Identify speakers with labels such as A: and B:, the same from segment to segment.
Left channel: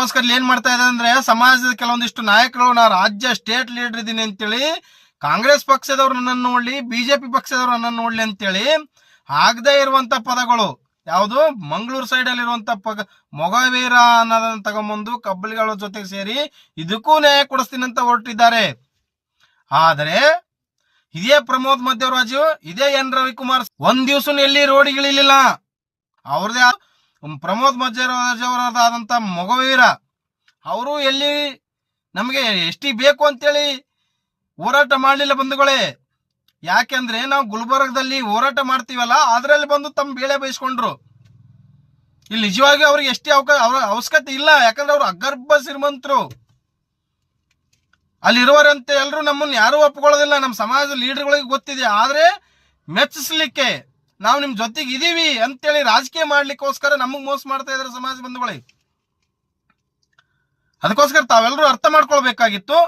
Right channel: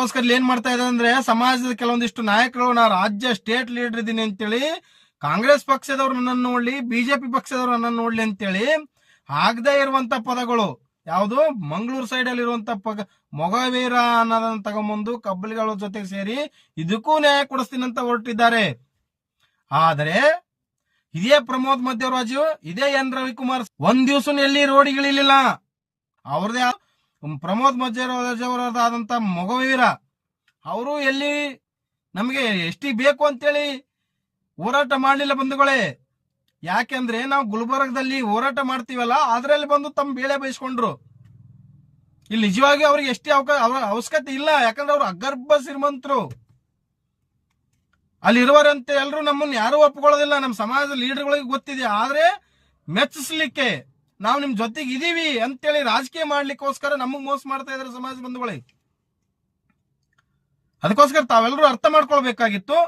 A: ಅದಕ್ಕೋಸ್ಕರ ಏನ್ ಮಾಡ್ತಾ ಇದೆ ಅಂದ್ರೆ ಸಮಾಜದ ಕೆಲವೊಂದಿಷ್ಟು ನಾಯಕರು, ನಾ ರಾಜ್ಯ ಸ್ಟೇಟ್ ಲೀಡರ್ ಇದ್ದೀನಿ ಅಂತೇಳಿ ಕಾಂಗ್ರೆಸ್ ಪಕ್ಷದವ್ರು ನನ್ನನ್ನು ನೋಡ್ಲಿ, ಬಿಜೆಪಿ ಪಕ್ಷದವ್ರು ನನ್ನನ್ನು ನೋಡ್ಲಿ ಅಂತೇಳಿ ಆಗದೇ ಇರುವಂತ ಪದಗಳು ಯಾವುದು? ಮಂಗಳೂರು ಸೈಡ್ ಅಲ್ಲಿ ಇರುವಂತ ಪಗ, ಮೊಗವೀರ ಅನ್ನೋದನ್ನ ತಗೊಂಬಂದು ಕಬ್ಬಲಿಗಳ ಜೊತೆಗೆ ಸೇರಿ ಇದಕ್ಕೂ ನ್ಯಾಯ ಕೊಡಿಸ್ತೀನಿ ಅಂತ ಹೊರಟಿದ್ದಾರೆ. ಆದರೆ ಇದೇ ಪ್ರಮೋದ್ ಮಧ್ಯವರಾಜು, ಇದೇ ಎನ್ ರವಿಕುಮಾರ್ ಒಂದ್ ದಿವ್ಸ ಎಲ್ಲಿ ರೋಡಿಗಿಳಿಲಿಲ್ಲ. ಅವ್ರದೇ ಆದ- ಪ್ರಮೋದ್ ಮಧ್ಯವರಾಜ್ ಆದಂತ ಮೊಗವೀರ, ಅವರು ಎಲ್ಲಿ ನಮಗೆ ಎಷ್ಟಿ ಬೇಕು ಅಂತೇಳಿ ಹೋರಾಟ ಮಾಡಲಿಲ್ಲ ಬಂಧುಗಳೇ. ಯಾಕೆಂದ್ರೆ ನಾವು ಗುಲ್ಬರ್ಗದಲ್ಲಿ ಹೋರಾಟ ಮಾಡ್ತೀವಲ್ಲ, ಅದರಲ್ಲಿ ಬಂದು ತಮ್ಮ ಬೇಳೆ ಬಯಸ್ಕೊಂಡ್ರು ಇಲ್ಲಿ ನಿಜವಾಗಿ ಅವ್ರಿಗೆ ಎಷ್ಟೇ ಅವರ ಅವಶ್ಯಕತೆ ಇಲ್ಲ, ಯಾಕಂದ್ರೆ ಅವ್ರು ಅಗರ್ಭ ಶ್ರೀಮಂತರು. ಅಲ್ಲಿರುವರಂತೆ ಎಲ್ಲರೂ ನಮ್ಮನ್ನು ಯಾರೂ ಒಪ್ಕೊಳ್ಳೋದಿಲ್ಲ, ನಮ್ಮ ಸಮಾಜದ ಲೀಡರ್ಗಳಿಗೆ ಗೊತ್ತಿದೆ, ಆದ್ರೆ ಮೆಚ್ಚಿಸ್ಲಿಕ್ಕೆ ನಾವು ನಿಮ್ ಜೊತೆಗೆ ಇದೀವಿ ಅಂತೇಳಿ ರಾಜಕೀಯ ಮಾಡ್ಲಿಕ್ಕೋಸ್ಕರ ನಮಗ್ ಮೋಸ ಮಾಡ್ತಾ ಇದಾರೆ ಸಮಾಜ ಬಂಧುಗಳೇ. ಅದಕ್ಕೋಸ್ಕರ ತಾವೆಲ್ಲರೂ ಅರ್ಥ ಮಾಡ್ಕೊಳ್ಬೇಕಾಗಿತ್ತು.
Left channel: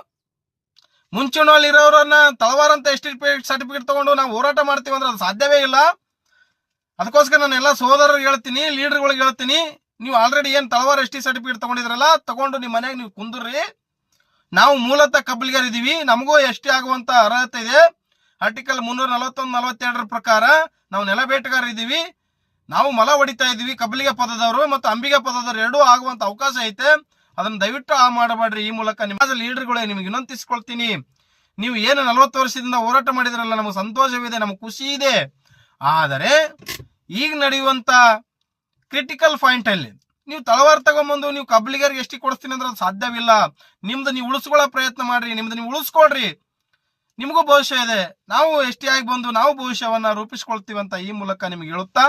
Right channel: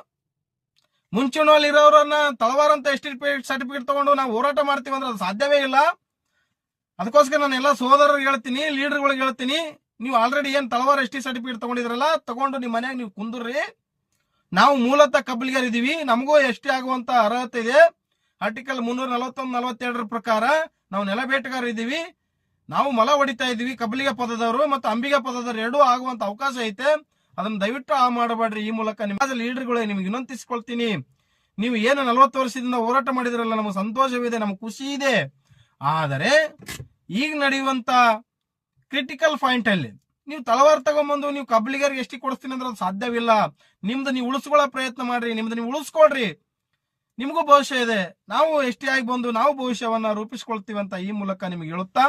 A: ಮುಂಚೂಣಿಯಲ್ಲಿ ಇರೋರನ್ನ ತಳವಾರ ಅಂತ ಎಸ್ಟಿಪೇಟ್ ಸರ್ಟಿಫಿಕೇಟ್ ತಗೊಂಡು ನಾವು ಹೋರಾಟ ಮಾಡ್ತೀವಿ ಅಂದ್ರೆ ಅದು ಸಾಧ್ಯವೇ ಇಲ್ಲ. ಅದಕ್ಕೋಸ್ಕರ ನಾನು ಎಲ್ಲ ಸಹೋದರರು ಹೇಳ್ತೀನಿ, ಲೀಡರ್ಗಳಿಗೆ ಹೇಳ್ತೀನಿ, ನೀವು ಆಲ್ರೆಡಿ ಏನ್ ತಳವಾರ ಎಸ್ ಟಿ ಸರ್ಟಿಫಿಕೇಟ್ ತಗೊಂಡಿದ್ರಲ್ಲ, ತಗೊಂಡು ನಿಮ್ಮ ಮನೆಯಾಗ ನೀವು ಕುಂದ್ರಿ. ನಾವು ಮೂಲತಃ ಇದೀವಿ ನಮಗೂ ಎಷ್ಟಿ ಆಗುವಂತ ಅರ್ಹತೆ ಇದೆ. ಆರ್ಟಿಕಲ್ ಮುನ್ನೂರ ನಲವತ್ತೊಂದು ನಲವತ್ತೆರಡರ ಪ್ರಕಾರ ನಾವು ನೆಲ ಇದೀವಿ ನಾವು ಮಲ ಹೊಡಿತಾ ಇದ್ದೀವಿ. ಕಬ್ಬಲಿಗೆ ಪದದವರು ಮತ್ತು ಅಂಬಿಗೆ ಪದದವರು ಎರಡೂ ಆಗುವಂತ ಅವಕಾಶ ಐತೆ. ಅದನ್ನ ದಯವಿಟ್ಟು ಆ ಮಾಡಬೇಡ್ರಿ. ಈ ಮೂಲಕ ನಿಮ್ಮ ಲೀಡರ್ಗಳೇ ನಿಮ್ಗೆ ವಿನಂತಿಸ್ಕೊಳ್ತೀನಿ ನೀವು ಏನು ನಲವತ್ತು ವರ್ಷದಿಂದ ಹೋರಾಟ ಮಾಡಿದ್ರಲ್ಲ, ನಮಗೆ ಸಂತೋಷವಿದೆ, ನಮಗೆ ಖುಷಿ ಇದೆ. ಆದರೆ ಈಗ ನಡೆಯುವಂತ ಕ್ರಿಟಿಕಲ್ ಪಾಯಿಂಟ್ ಅಲ್ಲಿ ನೀವು ತಳವಾರ ತಗೊಂಬಂದು ನೀವು ಕಬ್ಲಿಗರಿಗೆ ಎಷ್ಟು ಕೊಡಿಸ್ತೀನಿ ಅಂದ್ರೆ ಅದು ಸಾಧ್ಯವಿಲ್ಲ. ನಿಮ್ದು ನೀವು ಉಳಿಸ್ಕೊಳ್ಳೋ ಪ್ರಯತ್ನ ಮಾಡ್ರಿ. ನಿಮ್ದು ನೀವು ಉಳಿಸ್ಕೊಳ್ರಿ. ನಿಮಗೂ ಭವಿಷ್ಯ ಇದೆ. ನಾವು ಎಷ್ಟೇ ಆಗಿ ಬಂದು ನಾವು ಭವಿಷ್ಯವನ್ನ ರೂಪಿಸ್ಕೊಳ್ತೀವಿ ಅಂತ ಈ ಮೂಲಕ ನಿಮಗೆ ಹೇಳುತ್ತಾ,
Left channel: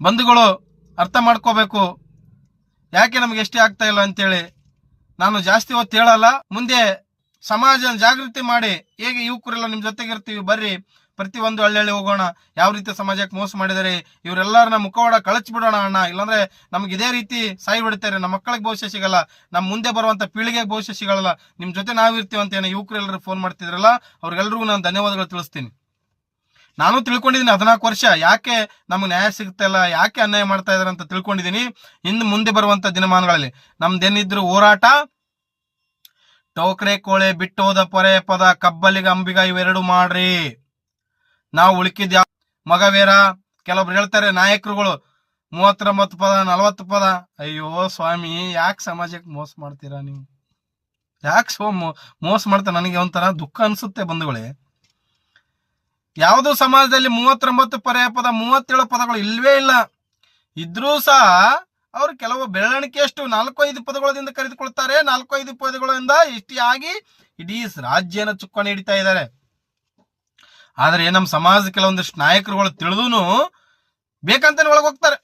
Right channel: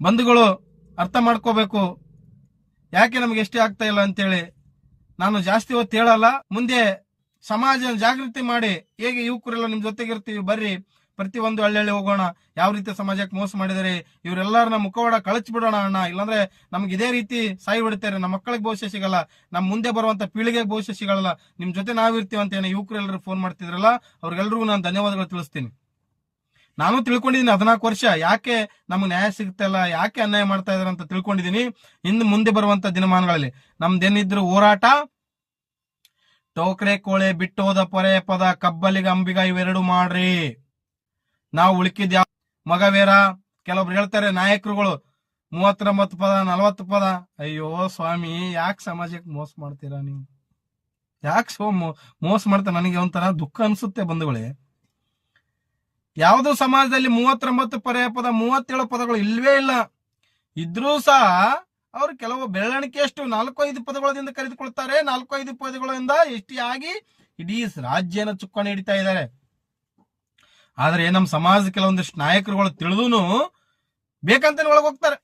A: ಬಂಧುಗಳು ಅರ್ಥ ಮಾಡ್ಕೋಬೇಕು. ಯಾಕೆ ನಮ್ಗೆ ಎಷ್ಟೇ ಆಗ್ತಾ ಇಲ್ಲ ಅಂತೇಳಿ ನಾನು ಜಾಸ್ತಿ ಹೊತ್ತು ಹೇಳಲ್ಲ. ಮುಂದೆ ಸಮಾಜ ಜಾಗೃತಿ ಮಾಡಿ, ಹೇಗೆ ಯುವಕರೆಲ್ಲ ನಿಮ್ಮ ಜೊತೆಗಿರ್ತೀವಿ, ಬರ್ರಿ. ಪ್ರತಿ ಒಂದು ಹಳ್ಳಿ ಹೋಗೋಣ, ಯಾವ ರೀತಿ ಸಮಾಜಕ್ಕೆ ಮೋಸ ಮಾಡಿದರೆ, ಇವರೆಲ್ಲರನ್ನ ಮುಖವಾಡ ಕಳಚಿ ಬಿಡೋಣ ಅಣ್ಣ. ಇಲ್ಲಾಂದ್ರೆ ನಮ್ಗೆ ಇದೇ ರೀತಿ ಸಾಯಿ ಬಿಡ್ತಾರೆ ನಮ್ಮ ಮಕ್ಕಳಿಗೆ ಭವಿಷ್ಯ ಸಿಗಲ್ಲ, ನಮ್ಮ ಮುಂದೆ ಬರುವಂತ ಪೀಳಿಗೆಗೆ ಭವಿಷ್ಯ ಸಿಗಲ್ಲ. ನಿಮ್ ಜೊತೆ ನಾವಿರ್ತೀವಿ ಅಂತ ಏನೋ ಯುವಕರೆಲ್ಲರೂ ಫೋನ್ ಮಾಡ್ತಿದ್ರಲ್ಲ, ಅವ್ರಿಗೆಲ್ರಿಗೂ ನಾನು ಧನ್ಯವಾದಗಳು ತಿಳಿಸ್ತೀನಿ. ನಾನು ತಿಳ್ಕೊಂಡಿದ್ದೀನಿ ಹದಿನಾಲ್ಕು ವರ್ಷ, ಯಾಕೆ ನಮ್ಗೆ ನ್ಯಾಯ ಸಿಗುತ್ತೆ ಇಲ್ಲ, ಯಾಕೆ ಅನ್ಯಾಯ ಮಾಡ್ತಾ ಇದಾರೆ ಅಂತ ತಿಳ್ಕೊಂಡಿದ್ದೀನಿ. ಇನ್ನು ಮುಂದೆ ಬರುವಂತ ದಿನಮಾನಗಳಲ್ಲಿ ನಮ್ದೇನಿದ್ರು ಹೋರಾಟ, ಟೋಕ್ರೆ, ಕೋಳೆ ಬಿಟ್ಟೋದ ಪೊರೆ ಪದ, ಕಬ್ಬಲಿಗ, ಅಂಬಿಗ ಇವೆರಡು ಮಾಡ್ರಿ. ನಾವು ಉಳಿಕಿದ್ ಯಾವ ಮಗವೇರ ಕೆಲವೊಬ್ರು ಹೇಳ್ತಾರೆ, ನಾಯಕರುಗಳು ಮೂವತ್ತೊಂಬತ್ತು ಪದ, ನಲವತ್ತು ಪದ. ಅಯ್ಯೋ ಸ್ವಾಮಿ, ಯಾಕೆ ಸಮಾಜಕ್ಕೆ ಮೋಸ ಮಾಡ್ತೀರಾ ನೀವು? ಯಾಕೆ ಸೋ ಮೋಸ ಮಾಡ್ತಾ ನನಗೆ ಒಂಥರ ದುಃಖ ಅನ್ಸುತ್ತೆ ಬಂಧುಗಳೇ. ಯಾವುದೋ ಸಮಾಜದಲ್ಲಿ ಮೂವತ್ತೊಂಬತ್ತು ಪರ್ಯಾಯ ಪದ, ಮೂವತ್ತೇಳು ಪದಗಳು ಇಲ್ವೇ ಇಲ್ಲ. ಇದ್ರೂ ಸಹ ಅವರು ಕೆಲವು ಬೆಳವಣಿಗೆಯಷ್ಟು ನಾಲ್ಕು ಐದು ಪದಗಳಿಂದ ಕರೆದುಕೊಳ್ತಾರೆ. ನಾಲ್ಕು ಐದು ಪದಗಳಿಂದ ಇಷ್ಟಿಯಾಗಿ ಇಡೀ ರಾಜ್ಯನ ಚುಕ್ಕಾಣಿ ಹಿಡಿತಾ ಇದ್ದಾರೆ. ಆದ್ರೆ ನಮ್ಮ ಸಮಾಜದ ಕೆಲವೊಂದಿಷ್ಟು ನಾಯಕರುಗಳು ತಿಳಿದೂನು ಬೇಕಂತಾನೆ ಒಳಗೆ ಹೋಗ್ತಾರೆ.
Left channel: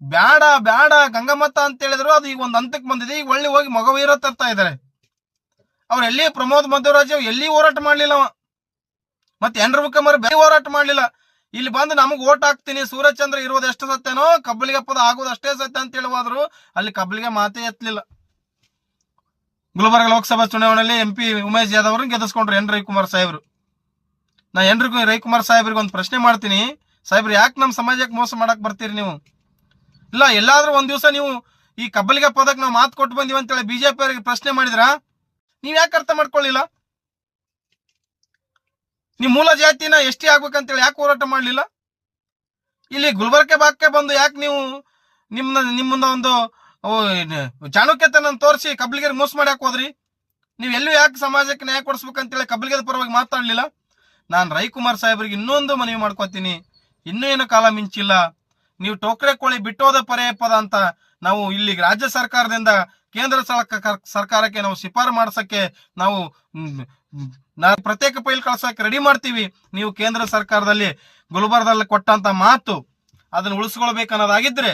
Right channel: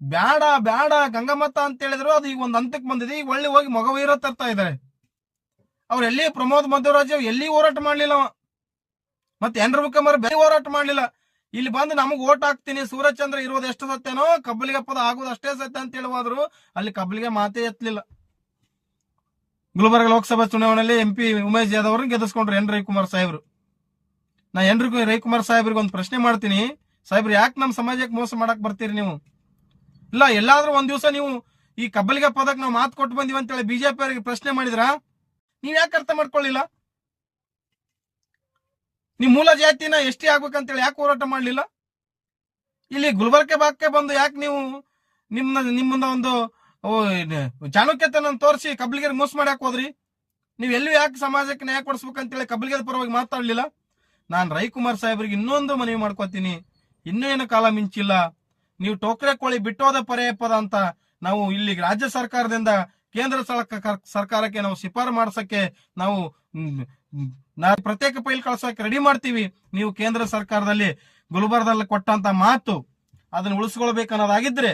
A: ಬ್ಯಾಡ ಬ್ಯಾಡ ಗಂಗಮತ್ತ ಅಂತ ಹೇಳಿದ್ರು, ಅದು ಈಗ ಒಂದು ಹಂತಕ್ಕೆ ಬಂದಿದೆ. ಈಗ ಒಳ್ಳೆ ಹೋಗಿ ಮಗವೀರ ತರ್ತಾ ಇದ್ದಾರೆ ಅವ್ರು ಎಲ್ಲಿ ಪ್ರಮೋದ್ ಮಧ್ವರಾಜ್ ಎಲ್ಲಿ ಹೋರಾಟ ಮಾಡ್ಲಿಲ್ಲ ಅವ. ಮತ್ತೆ ಎನ್ರ ಮುಖಮರ್ ಬೇರೆ ಹೋರಾಟ ಮಾಡ್ಲಿಲ್ಲ. ಇಲ್ಲಿ ಬಂದು ನಮಗೆ ಓಟ್ ಹಾಕ್ತೀನಿ, ಸೂರ್ಯಚಂದ್ರ ಇರೋದು ಎಷ್ಟು ಸತ್ಯನೋ ಕಬ್ಬಲಿಗೆ ಪದ ಆಗೋದು ಅಷ್ಟೇ ಸತ್ಯ ಅಂತ ಹೇಳುವಾದ್ರು, ಅಲ್ಲಿ ಕಬ್ಬಲಿಗೆ ಮಾತೇ ಎತ್ತಲಿಲ್ಲ ಗುಲ್ಬರ್ಗ ಲೋಕಸಭಾ ಚುನಾವಣೆಯಲ್ಲಿ ಎಂ ಪಿ ಉಮೇಶ್ ಯಾದವ್ ಅವ್ರನ್ನ ಗೆದ್ದಿಸ್ಕೊಂಡ್ರು ಎನ್ ರವಿಕುಮಾರ್ ಸಾಹೇಬ್ರು. ನಾ ಎಲ್ರಿಗೂ ರವಿ- ರವಿಕುಮಾರ್ ಸಾಹೇಬ್ರಿಗೆ ಒಂದು ಪ್ರಶ್ನೆ ಮಾಡ್ತೀನಿ. ಸಾಹೇಬ್ರು, ಯಾಕೆ ನಮ್ಮ ಸಮಾಜಕ್ಕೆ ಮೋಸ ಮಾಡಕ್ ಬರ್ತೀರಿ ನೀವು? ಇಲ್ಲ, ಎಲ್ಲಾದ್ರೂ ಒಂದ್ ದಿವಸ ನೀವು ಈ ಕಬ್ಬಲಿಗೆ ಪದಕ್ಕೆ ನಾವು ಮಾತು ಕೊಟ್ಟು ಬಂದಿವಿ ಅಂತೇಳಿ ಬಿಜೆಪಿ ಅವರಿಗೆ ಪ್ರಶ್ನೆ ಮಾಡಿದ್ರ? ನೀವ್ ಯಾಕೆ ಅರ್ಥ ಮಾಡ್ಕೊಳ್ಳಿಲ್ಲ ನೀವು ಮೂಲ ಜಾತಿನ ಎಷ್ಟೇ ಆಗ್ಬೇಕಂತೇಳಿ ಯಾಕೆ ಹೋರಾಟ ಮಾಡಲಿಲ್ಲ? ಇಲ್ಲಿ ಗುಲ್ಬರ್ಗೆ ಬಾಕ್ಕೆ ಬಂದು ಯಾಕೆ ನೀವು ನಿಮ್ಮ ನಿಮ್ಮನ್ನ ಒಂದು ಚಾಣಕ್ಯತನ ತೋರಿಸಿ ಕಬ್ಬಲಿಗೆ ಮೋಸ ಮಾಡಿ ಹಾಕೋದ್ರಿ ನೀವು ಎಲ್ಲೂ ಯಾಕೆ ಸಮಾಜಕ್ಕೆ ನ್ಯಾಯ ಕೊಡಿಸ್ಬೇಕಂತೇಳಿ ಕಬ್ಬಲಿಗೆ ಪರವಾಗಿ ಮಾತಾಡ್ಲಿಲ್ಲ? ನಾನು ರೈಕುಮಾರ್ ಸಾಹೇಬ್ರಿಗೆ ಇನ್ನೊಂದು ಮನವಿ ಮಾಡ್ಕೋತೀನಿ. ಇನ್ನೇನು ಕಾಲ ಮಿಂಚಿಲ್ಲ. ನೀವು ಟೋಕ್ರೆ ಕೋಳಿ ಬಿಟ್ಟೋದ ಪರ್ಯಾಯ ಪದ ಅಂತ ನಾವು ಇಲ್ಲಿ ರಾಜ್ಯ ಸರ್ಕಾರದಿಂದ ಕೇಂದ್ರ ಸರ್ಕ- ಸರ್ಕಾರಕ್ಕೆ ನಾವು ಶಿಫಾರು ಮಾಡ್ಸಕ್ಕೆ ನಾವು ನಾನು ಪ್ರತ್ಯೇಕ ಪೈಲ್ ಕಳ್ಸಕ್ಕೆ ರೆಡಿ ಮಾಡ್ತೀವಿ. ನೀವು ಕೇಂದ್ರ ಸರ್ಕಾರದಲ್ಲಿ ಗುಲ್ಬರ್ಗದಲ್ಲಿ ಕೊಟ್ಟಂತ ಮಾತು ಅದನ್ನು ಉಳಿಸ್ಕೊಳ್ಬೇಕನ್ನೋದಾಗಿದ್ರೆ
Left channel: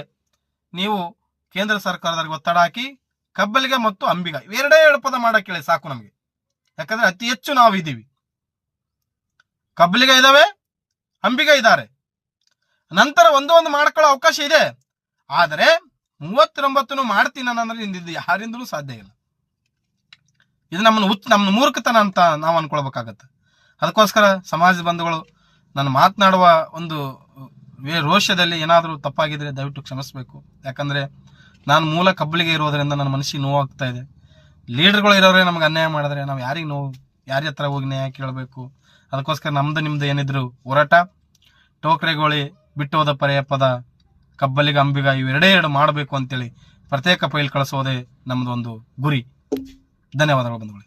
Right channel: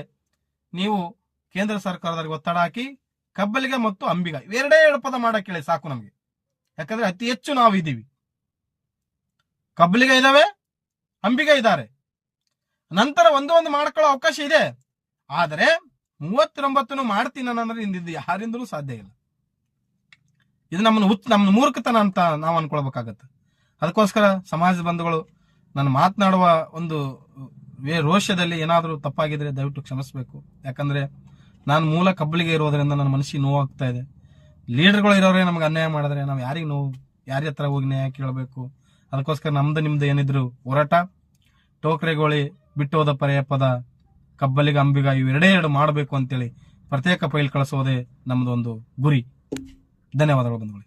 A: ನೀವು ಕೇಂದ್ರ ಸರ್ಕಾರದವ್ರಿಗೆ ಒತ್ತಡ ಹಾಕಿ ಕಬ್ಬಲಿಗೆ ಮತ್ತು ಅಂಬಿಗ, ಇವೆರಡೇ ಎರಡು ಪದ ಮಾಡಕ್ಕೆ ಸಾಕು ನಮಗೆ. ಯಾಕಂದ್ರೆ ಅತಿ ಹೆಚ್ಚು ಇದ್ದಾವೆ ಕಬ್ಬಲಿಗ ಇದಾವೆ ಅಂಬಿಗ ಇದ್ದಾರೆ ನಂತರ ಒಂದು ಒಂದು ಮಾಡ್ಕೊಳ್ಳೋ ಅವಕಾಶ ಇದೆ. ಆದರೆ ಮೂವತ್ತೊಂಬತ್ತನ್ನು ಮಾಡ್ತೀನಿ ಅನ್ನೋದ್ರೆ ಇಂದಿದ್ದು ಯಾರಿಂದಲೂ ಸಾಧ್ಯ ಇಲ್ಲ. ಇದು ನಮ್ಮನ್ನು ಉತ್ ನಮ್ಮ ಮೂರ್ಖತನ ಅಂತ ನಾವು ಅನ್ಕೊಳ್ಬೇಕಾಗತ್ತೆ. ಅದಕ್ಕೋಸ್ಕರ ಸಮಾಜ ಬಂಧುಗಳು, ನಾನು ಮಾತನಾಡುವ ಒಂದು ರೋಷದಲ್ಲಿ ಏನಾದರೂ ತಪ್ಪಾಗಿದ್ರೆ ದಯವಿಟ್ಟು ಕ್ಷಮಿಸಬೇಕು. ಯಾಕಂದ್ರೆ ನಾನು ಮೂಲ ಕಬ್ಬಳಿಗೆ ಇರೋದ್ರಿಂದ ನನ್ನ ಮನಸ್ಸಿಗೆ ನೋವಾಗ್ತಾ ಇದೆ. ಲೀಡರ್ಗಳು ಇರೋರೇ ನಮ್ಗೆ ಅನ್ಯಾಯ ಮಾಡಿದ್ರೆ ನಾವು ಯಾರಿಗೆ ನೋವು, ಯಾರ ಹತ್ರ ಹೋಗಿ ನ್ಯಾಯ ಕೇಳಬೇಕು? ಅದಕ್ಕೋಸ್ಕರ ನಮ್ದು ನಿಮ್ದು ಏನಿದ್ರು ಹೋರಾಟ, ಟೋಕ್ರೆಗೋಳಿ ಬಿಟ್ಟು ಹೋದ ಪರ್ಯಾಯ ಪದ ಕಬ್ಬಲಿಗ, ಅಂಬಿಗ ಇವೆರಡೇ ಎರಡು ಮಾಡಬೇಕು ಅಂತೇಳಿ ಪ್ರತ್ಯೇಕ ಫೈಲ್ ಕಳಿಸೋದೇ ನಮ್ಮದೊಂದು ಗುರಿ. ಧನ್ಯವಾದಗಳು ಬಂಧುಗಳು.